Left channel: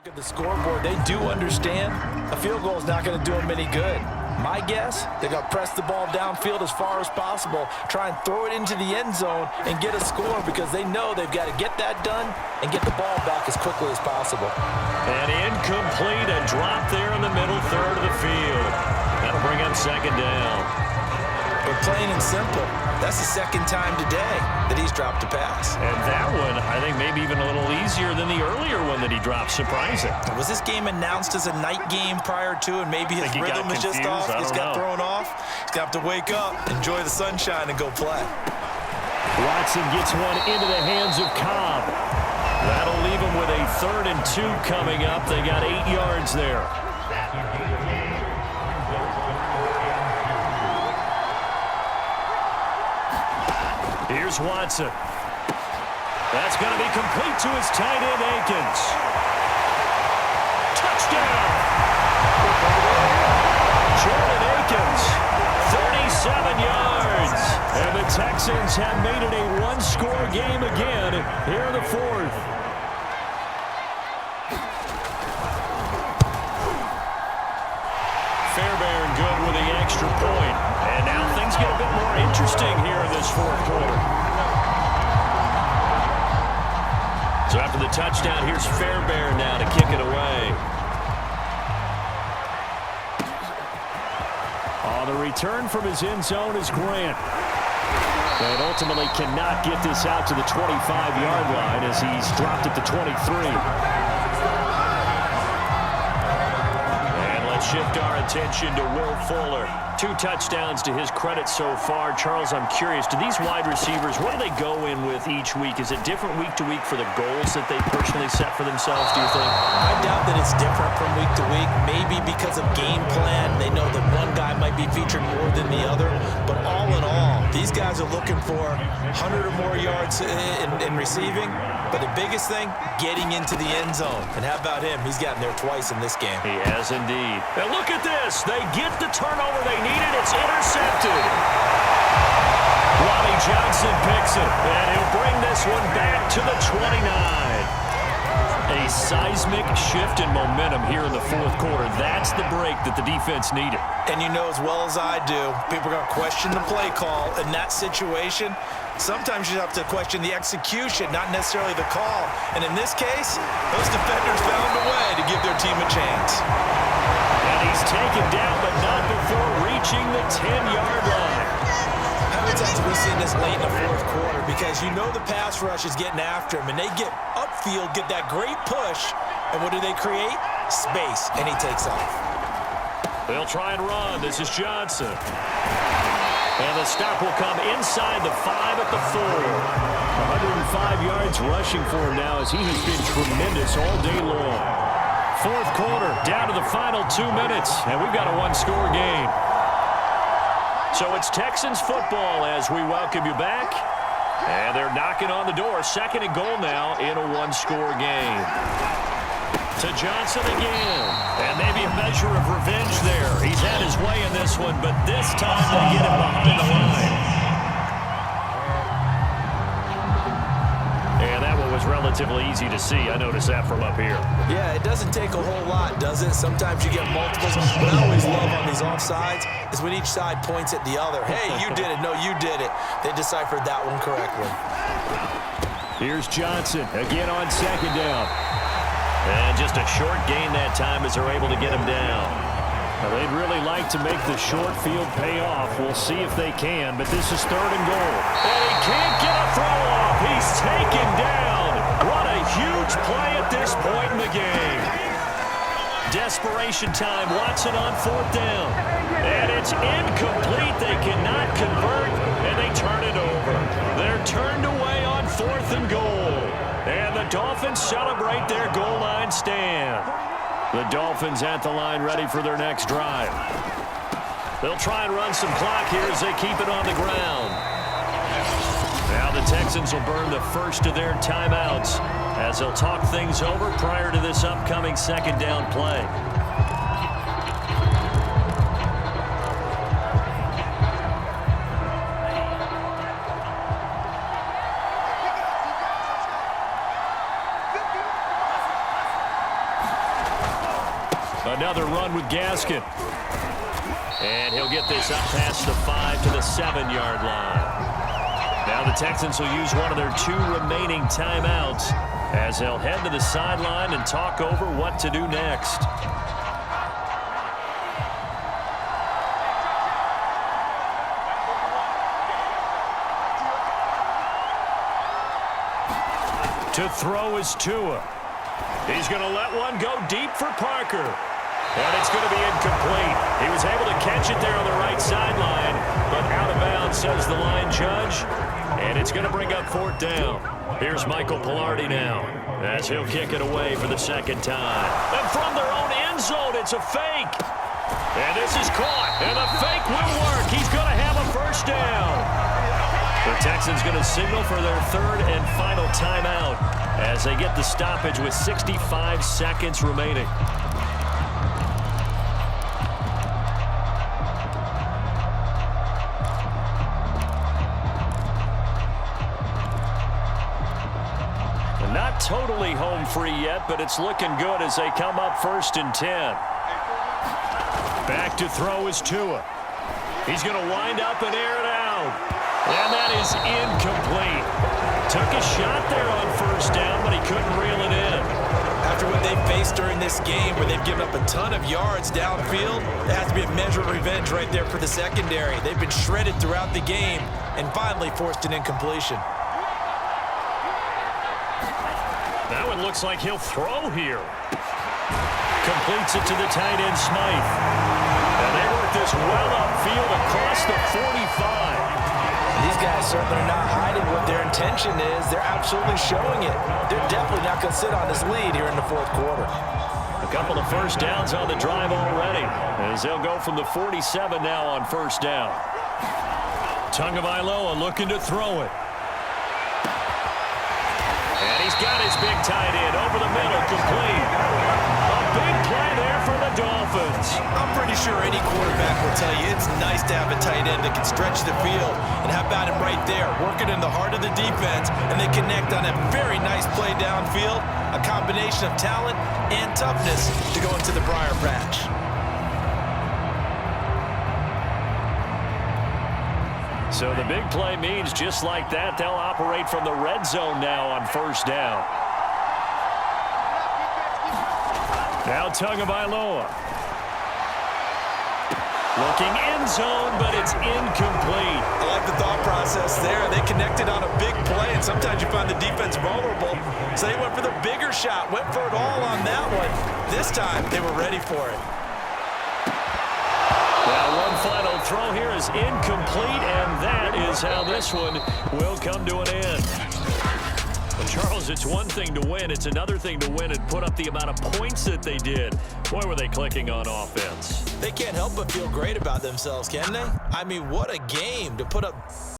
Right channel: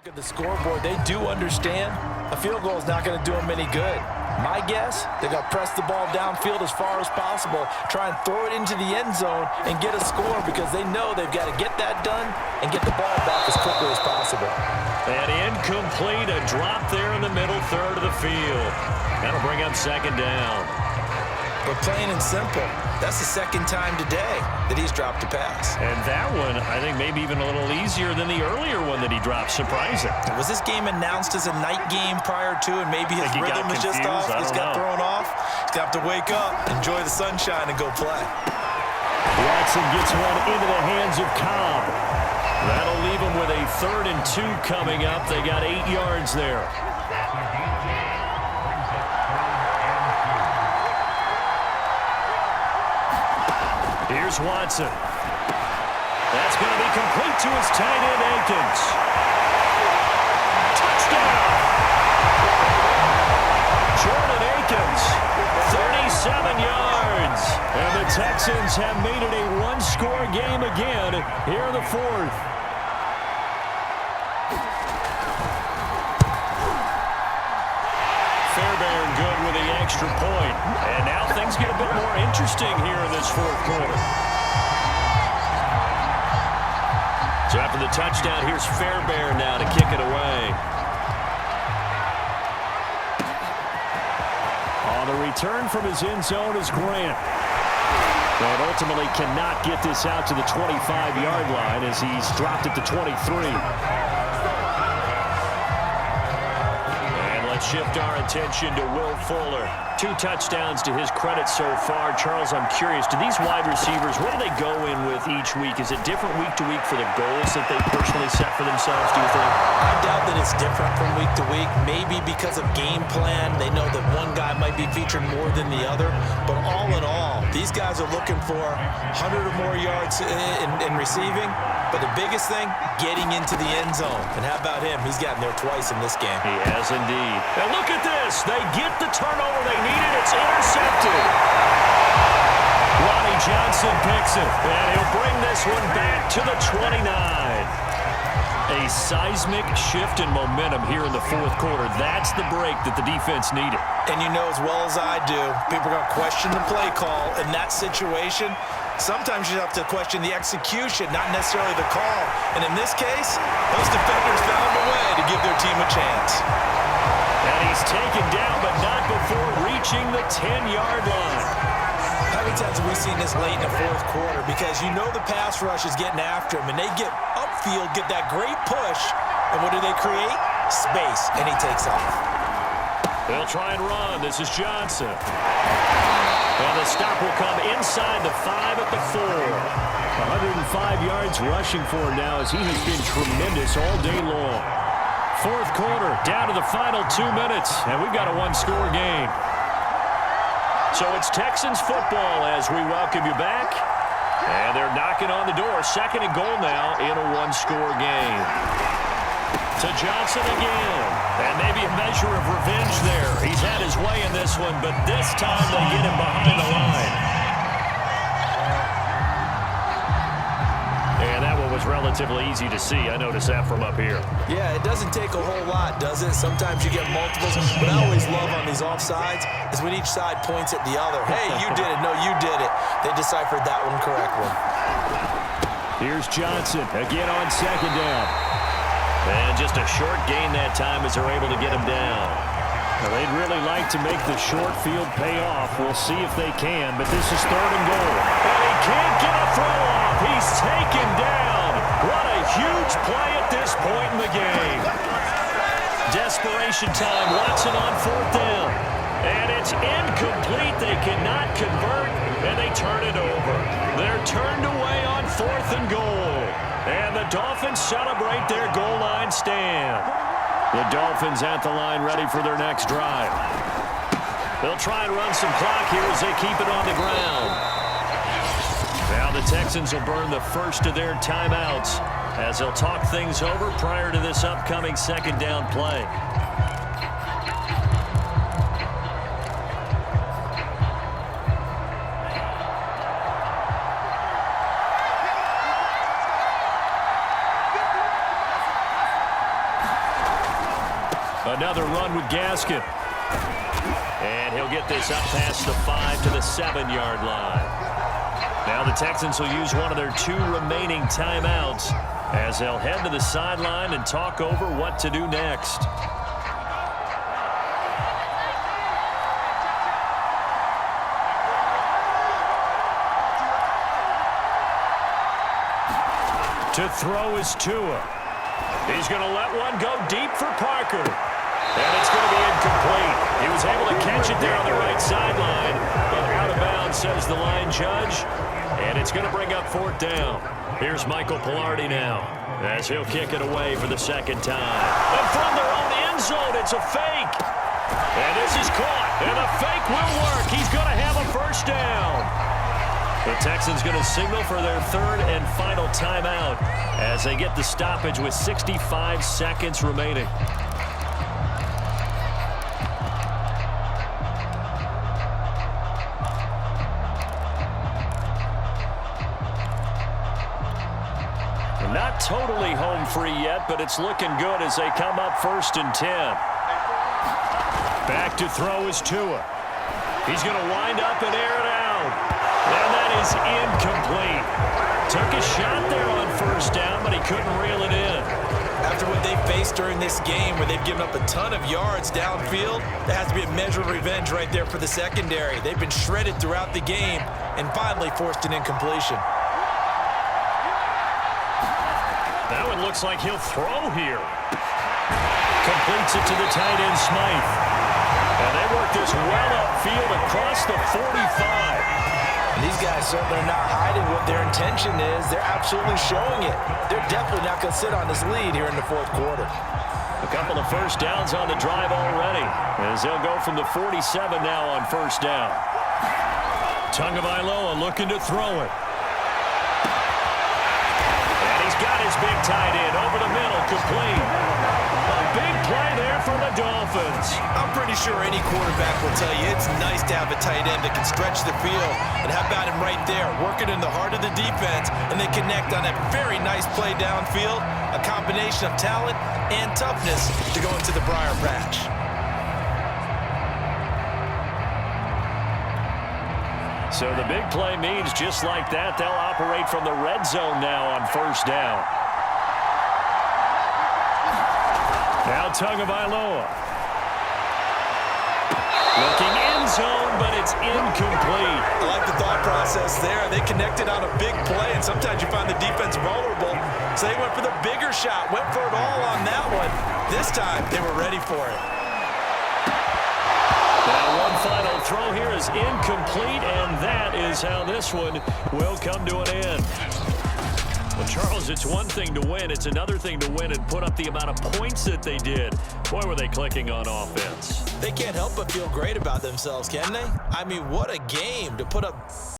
Look at the scoreboard. They do understand a field goal is not going to do them any good. My guess, they're going to press the ball downfield as far as possible, try and throw it into the end zone and get a score because they know they've got to get that done and get the ball back as quickly as possible. And incomplete, a drop there in the middle third of the field. That'll bring up second down. But plain and simple, that's the second time today that he's dropped a pass. And that one, I think, maybe even a little easier than the earlier one that he dropped. Surprising. Was this game announced as a night game prior to, and maybe his rhythm is just off? He's got thrown off. He's got to wake up, enjoy the sunshine, and go play. Watson gets one into the hands of Cobb. That'll leave him with a 3rd and 2 coming up. They got 8 yards there. Here's Watson. That's going to be complete to his tight end, Akins. Touchdown! Jordan Akins, 37 yards. And the Texans have made it a one-score game again here in the 4th. Fairbairn good with the extra point. And now things get a bit more interesting here in this 4th quarter. So after the touchdown, here's Fairbairn now to kick it away. On the return from his end zone is Grant. And ultimately cannot get this out to the 25-yard line as he's dropped at the 23. Shift our attention to Will Fuller. 2 touchdowns to his credit so far. Charles, I'm curious, do these wide receivers, what do they go in with each week? Is it different week to week for the goals that they personally set for themselves, do you think? I doubt that it's different from week to week. Maybe because of game plan, they know that one guy might be featured more than the other. But all in all, these guys are looking for 100 or more yards in receiving. But the biggest thing, getting into the end zone. And how about him? He's gotten there twice in this game. He has indeed. And look at this. They get the turnover they needed. It's intercepted. Lonnie Johnson picks it. And he'll bring this one back to the 29. A seismic shift in momentum here in the 4th quarter. That's the break that the defense needed. And you know as well as I do, people are going to question the play call in that situation. Sometimes you have to question the execution, not necessarily the call. And in this case, those defenders found a way to give their team a chance. And he's taken down, but not before reaching the 10-yard line. How many times have we seen this late in the 4th quarter? Because you know the pass rush is getting after him, and they get upfield, get that great push, and what do they create? Space, and he takes off. They'll try and run. This is Johnson. And the stop will come inside the 5 at the 4. 105 yards rushing for him now as he has been tremendous all day long. 4th quarter, down to the final 2 minutes, and we've got a one-score game. So it's Texans football as we welcome you back. And they're knocking on the door. 2nd and goal now in a one-score game. To Johnson again. And maybe a measure of revenge there. He's had his way in this one, but this time they get him behind the line. And that one was relatively easy to see. I noticed that from up here. Yeah, it doesn't take a whole lot, does it? Sometimes you get multiples. What I always love on these offsides is when each side points at the other. Hey, you did it. No, you did it. They deciphered that one correctly. Here's Johnson again on 2nd down. And just a short gain that time as they're able to get him down. Now, they'd really like to make the short field pay off. We'll see if they can, but this is 3rd and goal. And he can't get a throw off. He's taken down. What a huge play at this point in the game. Desperation time. Watson on 4th down. And it's incomplete. They cannot convert, and they turn it over. They're turned away on 4th and goal. And the Dolphins celebrate their goal line stand. The Dolphins at the line ready for their next drive. They'll try and run some clock here as they keep it on the ground. Now the Texans will burn the first of their timeouts as they'll talk things over prior to this upcoming 2nd down play. Another run with Gaskin. And he'll get this up past the 5 to the 7-yard line. Now the Texans will use one of their 2 remaining timeouts as they'll head to the sideline and talk over what to do next. To throw is Tua. He's going to let one go deep for Parker. And it's going to be incomplete. He was able to catch it there on the right sideline, but out of bounds, says the line judge. And it's going to bring up 4th down. Here's Michael Pilardi now as he'll kick it away for the 2nd time. And from their own end zone, it's a fake. And this is caught. And the fake will work. He's going to have a 1st down. The Texans going to signal for their 3rd and final timeout as they get the stoppage with 65 seconds remaining. Not totally home free yet, but it's looking good as they come up 1st and 10. Back to throw is Tua. He's going to wind up and air it out. And that is incomplete. Took a shot there on 1st down, but he couldn't reel it in. After what they faced during this game where they've given up a ton of yards downfield, that has to be a measure of revenge right there for the secondary. They've been shredded throughout the game and finally forced an incompletion. Now it looks like he'll throw here. Completes it to the tight end, Smythe. And they work this well upfield across the 45. And these guys certainly are not hiding what their intention is. They're absolutely showing it. They're definitely not going to sit on this lead here in the 4th quarter. A couple of 1st downs on the drive already as they'll go from the 47 now on 1st down. Tagovailoa looking to throw it. And he's got his big tight end over the middle, complete. A big play there for the Dolphins. I'm pretty sure any quarterback will tell you it's nice to have a tight end that can stretch the field. And how about him right there, working in the heart of the defense, and they connect on a very nice play downfield, a combination of talent and toughness to go into the briar patch. So the big play means just like that, they'll operate from the red zone now on 1st down. Now Tagovailoa. Looking end zone, but it's incomplete. I like the thought process there. They connected on a big play, and sometimes you find the defense vulnerable. So they went for the bigger shot, went for it all on that one. This time, they were ready for it. Now one final throw here is incomplete, and that is how this one will come to an end. Well, Charles, it's one thing to win. It's another thing to win and put up the amount of points that they did. Boy, were they clicking on offense. They can't help but feel great about themselves, can they? I mean, what a game to put up